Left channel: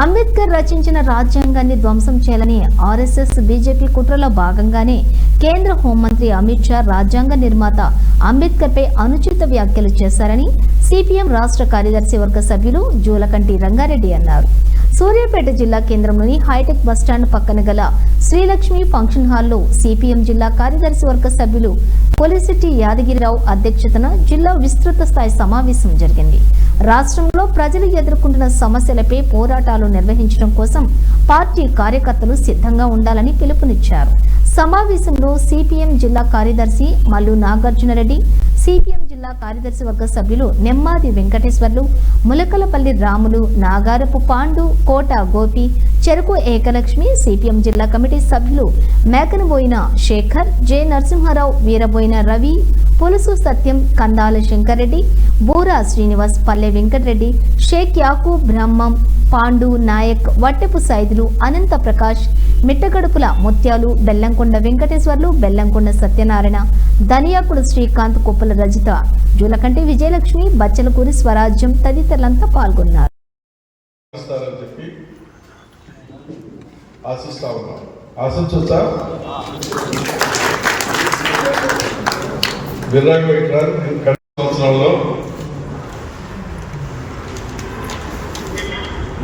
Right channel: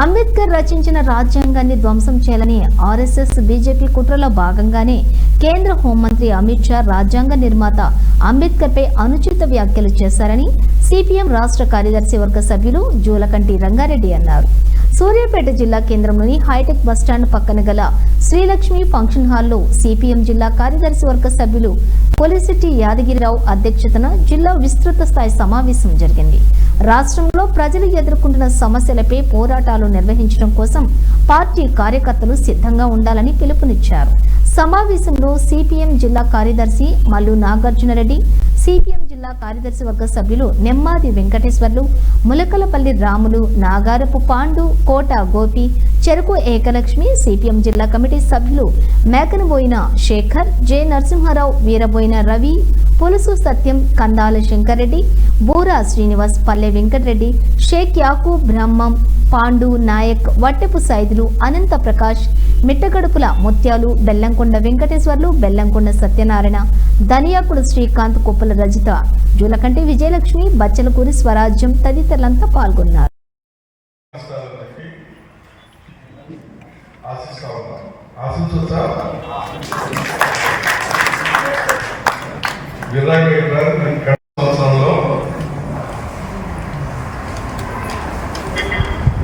అంబేద్కర్ రచించిన రాజ్యాంగాన్ని ధ్వంసం చేయాలని ఆర్ఎస్ఎస్ బీజేపీ కుట్రలో భాగంగానే కేంద్ర హోంమంత్రి అమిత్ షా రాజ్యాంగ నిర్మాత అంబేద్కర్పై అనుచిత వ్యాఖ్యలు చేశారని సిపిఎం రాష్ట్ర కార్యదర్శి వర్గ సభ్యులు జూలకంటి రంగారెడ్డి అన్నారు. సూర్యాపేట జిల్లా కేంద్రంలోని హైటెక్ బస్టాండ్ పక్కన గల శ్రీలక్ష్మి ఫంక్షన్ హాల్లో సిపిఎం జిల్లా కార్యదర్శి వర్గ సభ్యులు కొలిశెట్టి యాదగిరిరావు అధ్యక్షతన జిల్లా విస్తృత స్థాయి సమావేశం జరిగింది. రాష్ట్రంలో ప్రజలు ఎదుర్కొంటున్న సమస్యలపై పోరాటాలు నిర్వహించడం కోసం పార్టీ కార్యకర్తలు సిద్ధంగా ఉండాలని పిలుపునిచ్చారు. సమావేశంలో సిపిఎం జిల్లా కార్యదర్శి మల్లు నాగార్జునరెడ్డి, సిపిఎం జిల్లా కార్యదర్శి వర్గ సభ్యులు నెమ్మాది వెంకటేశ్వర్లు, ములకలపల్లి రాములు, నాగారపు పాండు, కోట గోపి, చెరుకు ఏకలక్ష్మి, సిపిఎం జిల్లా కమిటీ సభ్యులు మేకనబోయిన శేఖర్, జె నరసింహారావు, వీరబోయిన రవి, పులుసు సత్యం, కందాల శంకర్రెడ్డి, బూరా శ్రీనివాస్, పల్లె వెంకటరెడ్డి, షేక్ యాకూబ్, బ్రహ్మం, పాండు నాయక్, వట్టెపు సైదులు, అనంత ప్రకాష్, మిట్టగడుపుల ముత్యాలు, బెల్లంకొండ వెంకటేశ్వర్లు, బెల్లంకొండ సత్యనారాయణ, ధనియాకుడు శ్రీకాంత్, కుప్పల రజిత, జూలకంటి విజయలక్ష్మి, బచ్చలకూరి స్వరాజ్యం తదితరులంతా పాల్గొన్నారు.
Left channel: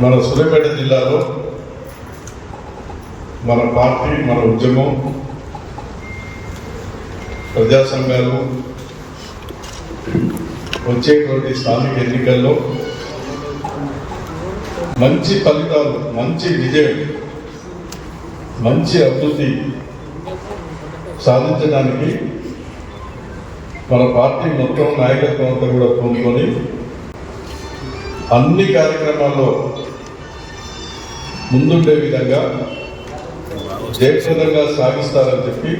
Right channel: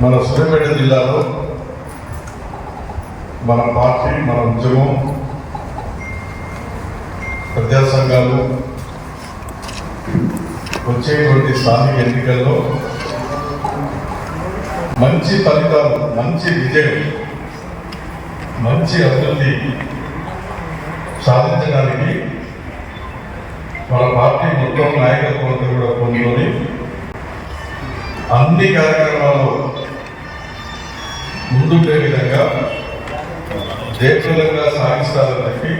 మన సూర్యాపేట జిల్లాలో మన పార్టీ, మన ఉద్యమం, ప్రజా సంఘాలు వచ్చేటువంటి స్థానిక ఎన్నికల్లో మంచి ఫలితాలు, మంచి విజయం, మంచి అభివృద్ధి సాధించడానికి మన పార్టీ మొత్తం నాయకత్వం అంతా కూడా పొందుకొని అన్ని కార్యక్రమాల్లో ముందుండే విధంగా జయప్రదంగా సాగిస్తారని చెప్పి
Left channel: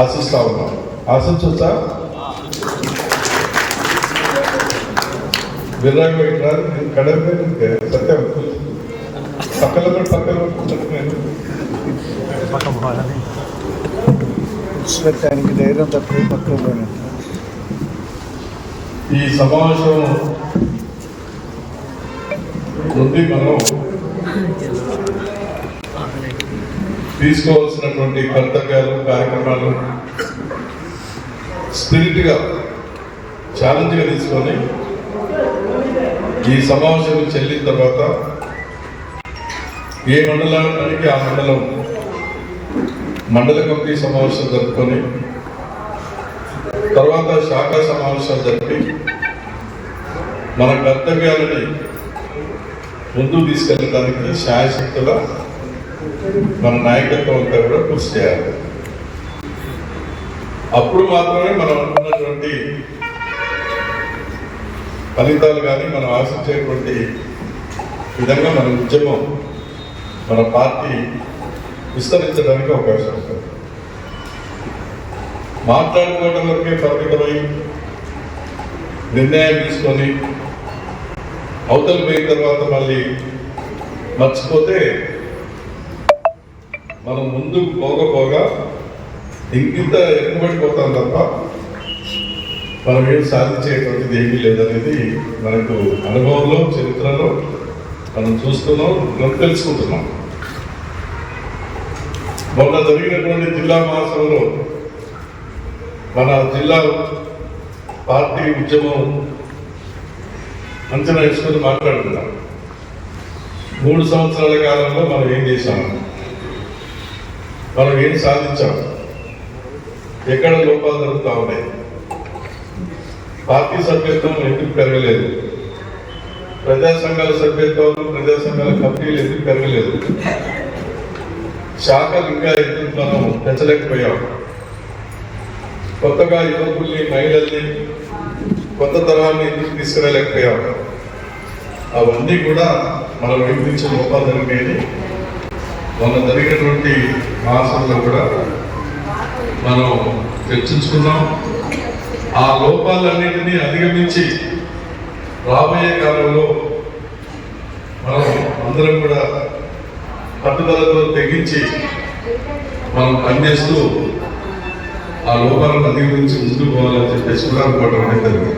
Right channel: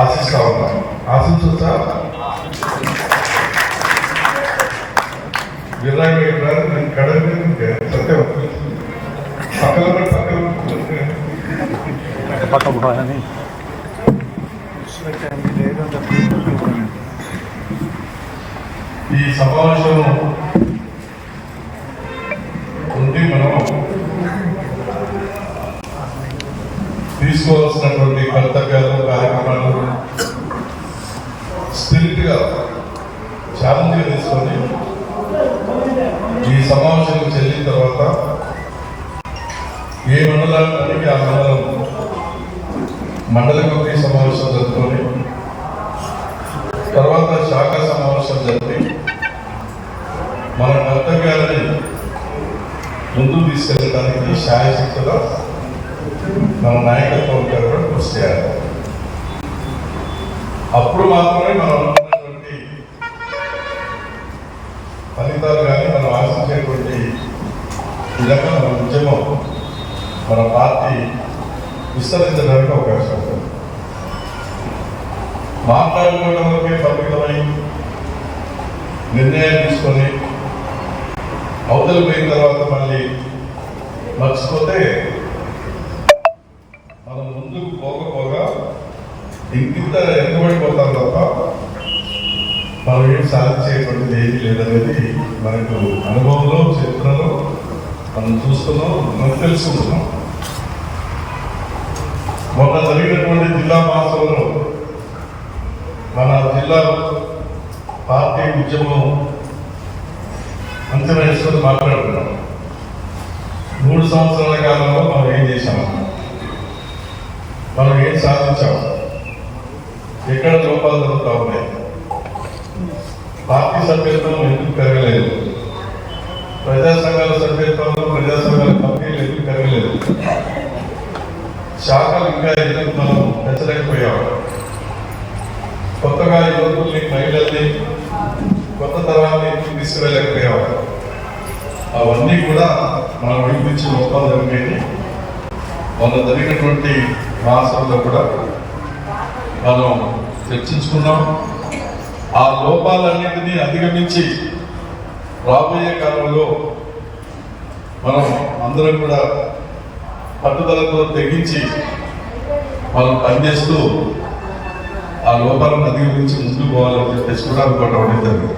ఆశిస్తా ఉన్నాం. ఆశించవచ్చా? ఈ సమావేశం నుండి మనం తీసుకోవాల్సినటువంటి కర్తవ్యాలు, కార్యక్రమాలు స్పిరిట్గా ఛాలెంజ్గా తీసుకొని ఈ సమావేశం చెల్లిన తర్వాత ఏ మండలానికి ఆ మండల కమిటీ సమావేశం జరుపుకొని తర్వాత శాఖా సమావేశం జరిపి మన కర్తవ్యాలని ముందుకు తీసుకెళ్ళడానికి శాయశక్తిగా మన నాయకత్వం కూడా కృషి చేయాలి. అప్పుడు మాత్రమే మనం అనుకున్నటువంటి ఫలితాలు కానీ మనం ఆశించేటువంటి విధంగా మన ఉద్యమం, మన పార్టీ విస్తరించడానికి అవకాశం ఉంటుంది. మాట్లాడుకోవడం వరకే పరిమితమై నిర్ణయం తీసుకొని అవతల పోయిన తర్వాత మళ్ళీ మర్చిపోతే మనం ముందుకు పోకపోగా ఇంకింత ఎక్కబడిపోతాం తప్ప మనం ఏం సాధించేటువంటిది ఏమీ లేదనేది మనకు అనుభవంలో, చరిత్రలో మనం చూస్తున్నాం, మనం తెలుసుకుంటున్నాం. మొన్న జరిగినటువంటి జిల్లా మహాసభలో మన జిల్లా పార్టీ ఉద్యమం అంచనా ఇష్టం మాట్లాడుతున్నాం. 3 సంవత్సరాల కాలంలో మనం ఏం చేశాము, మనం ఏం సాధించాం, ఎక్కడ లోపాలు జరుగుతూ ఉన్నాయి, పార్టీ సభ్యత్వం ఎందుకు పెరగలేదు, ప్రజా సంఘాల సభ్యత్వం, ప్రజా సంఘాల కమిటీలు ఎందుకు పెరగలేదు, శాఖలు ఇంకా ఎందుకు మనం పెంచలేకపోయాం, కొత్తగా యువకుల్ని, మహిళల్ని, కొత్త తరాన్ని ఎందుకు తీసుకురాలేకపోయాం, అవన్నీ కూడా మనం వైపు లోపాలు జరిగాయని మనం జరిగినటువంటి మాసంలో కూడా మనం చర్చించుకున్నాం. ఆ లోపాలన్నింటినీ అధిగమించి రాబోయే కాలంలో మనం అందరం కూడా పట్టుదలతో తెగించి మనం పనిచేస్తూ ఆ లోపాలను అధిగమించి ముందుకు పోవాలని చెప్పేసి కూడా అనుకోవడం అనేది జరిగింది.